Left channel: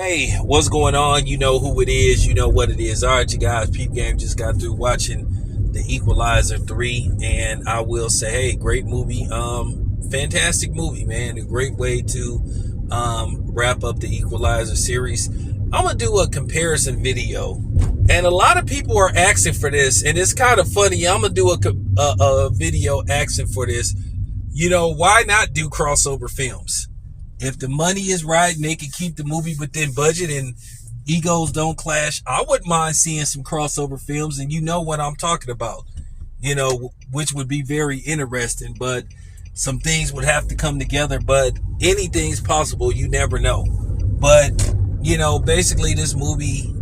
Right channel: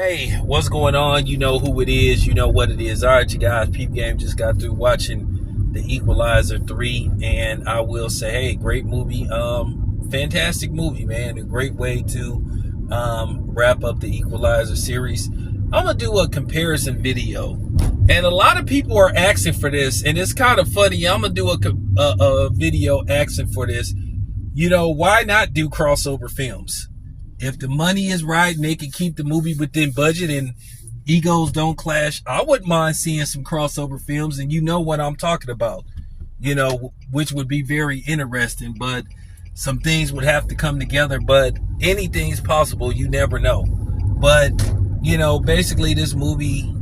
Hey, what's going on? You know who it is. You know what it is. All right, you guys. Peep Game just got through watching the Equalizer 3, and I will say, hey, great movie. Fantastic movie, man. A great way to wrap up the Equalizer series. I'm gonna do a comparison video, and a lot of people are asking for this, and it's kind of funny. I'm gonna do a video asking for this. You know, why not do crossover films? If the money is right and they can keep the movie within budget and egos don't clash, I wouldn't mind seeing some crossover films, and you know what I'm talking about, you know, which would be very interesting, but some things would have to come together, but anything's possible. You never know. But, you know, basically this movie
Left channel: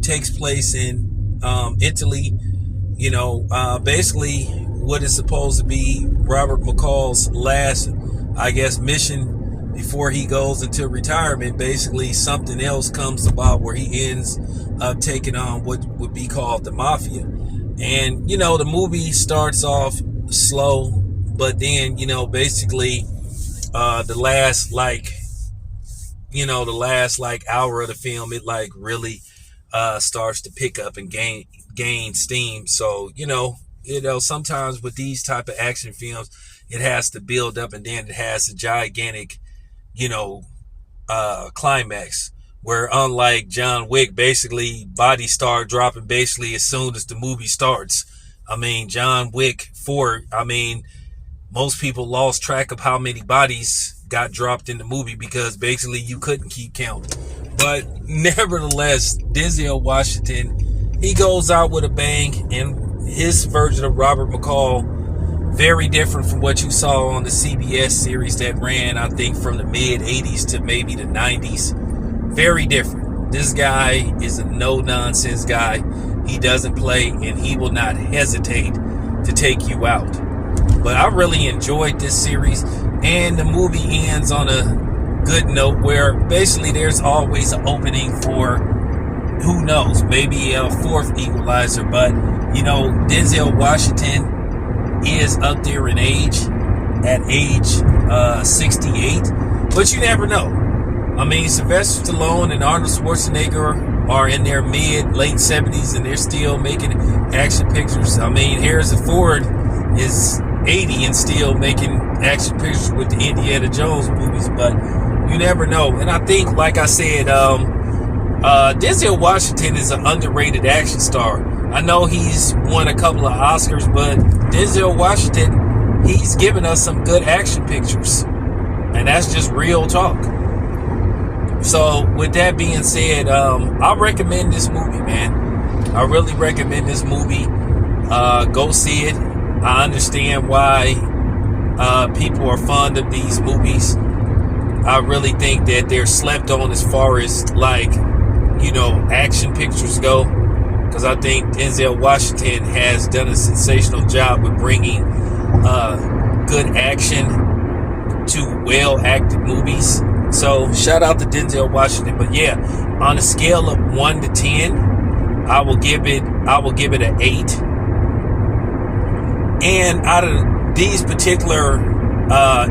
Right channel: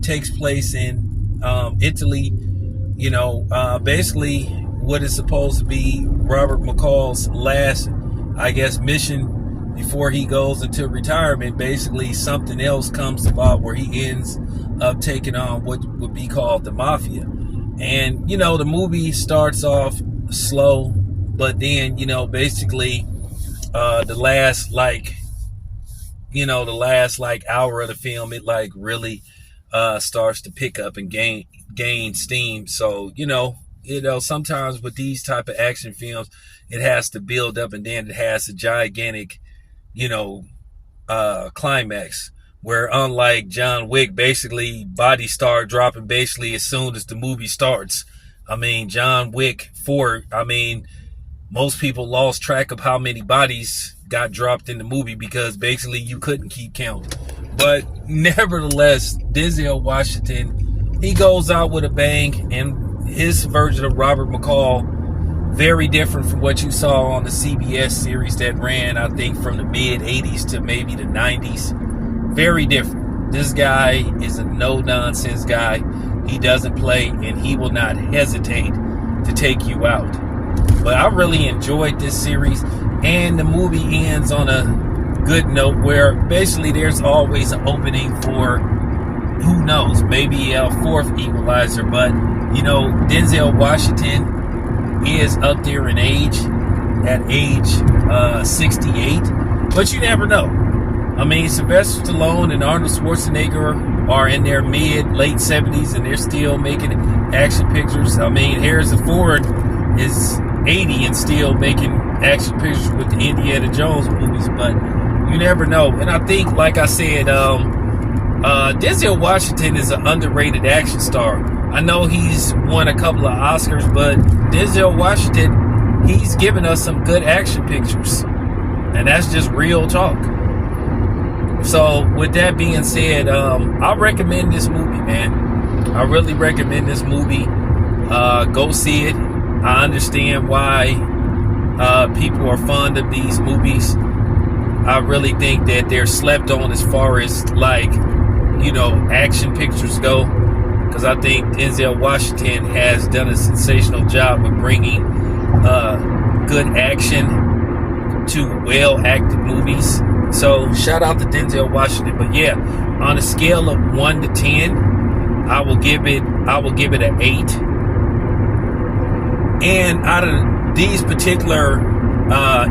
takes place in Italy, you know, basically what is supposed to be Robert McCall's last, I guess, mission before he goes into retirement. Basically something else comes about where he ends up taking on what would be called the mafia. And, you know, the movie starts off slow, but then, you know, basically the last hour of the film, it like really starts to pick up and gain steam. So, you know, sometimes with these type of action films, it has to build up, and then it has a gigantic, you know, climax where, unlike John Wick, basically bodies start dropping basically as soon as the movie starts. I mean, John Wick 4, I mean, most people lost track of how many bodies got dropped in the movie because basically you couldn't keep count. But nevertheless, Denzel Washington, he goes out with a bang, and his version of Robert McCall, very different from what you saw on the CBS series that ran, I think, from the mid-80s to maybe the 90s. Very different. This guy is a no-nonsense guy. He doesn't play, and he will not hesitate to take you out. But I really enjoyed this series, and the movie ends on a good note where basically there's always an opening for, who knows, maybe a fourth Equalizer. But, you know, Denzel Washington is up there in age, at age 68, but you never know. I mean, Sylvester Stallone and Arnold Schwarzenegger are in their late 70s, and they're still making action pictures. I mean, Harrison Ford is 80 and still making action pictures with the Indiana Jones movies, but you never know. And I think, like I said, Denzel Washington is an underrated action star. I know he's won a couple of Oscars, but Denzel Washington, he's given us some good action pictures. And that's just real talk. So with that being said, I recommend this movie, man. I really recommend this movie. Go see it. I understand why people are fond of these movies. I really think that they're slept on as far as, like, you know, action pictures go. Because I think Denzel Washington has done a sensational job of bringing good action to well-acted movies. So shout out to Denzel Washington. But yeah, on a scale of 1 to 10, I will give it an 8. And out of these particular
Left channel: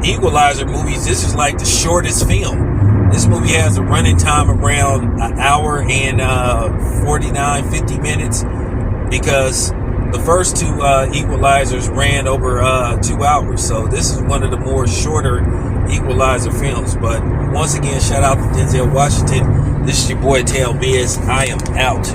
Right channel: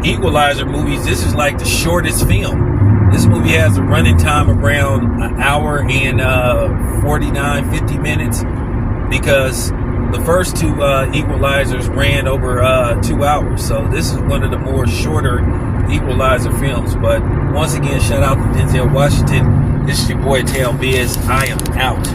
Equalizer movies, this is like the shortest film. This movie has a running time around an hour and 50 minutes, because the first two Equalizers ran over 2 hours. So this is one of the more shorter Equalizer films. But once again, shout out to Denzel Washington. This is your boy Tail Biz. I am out.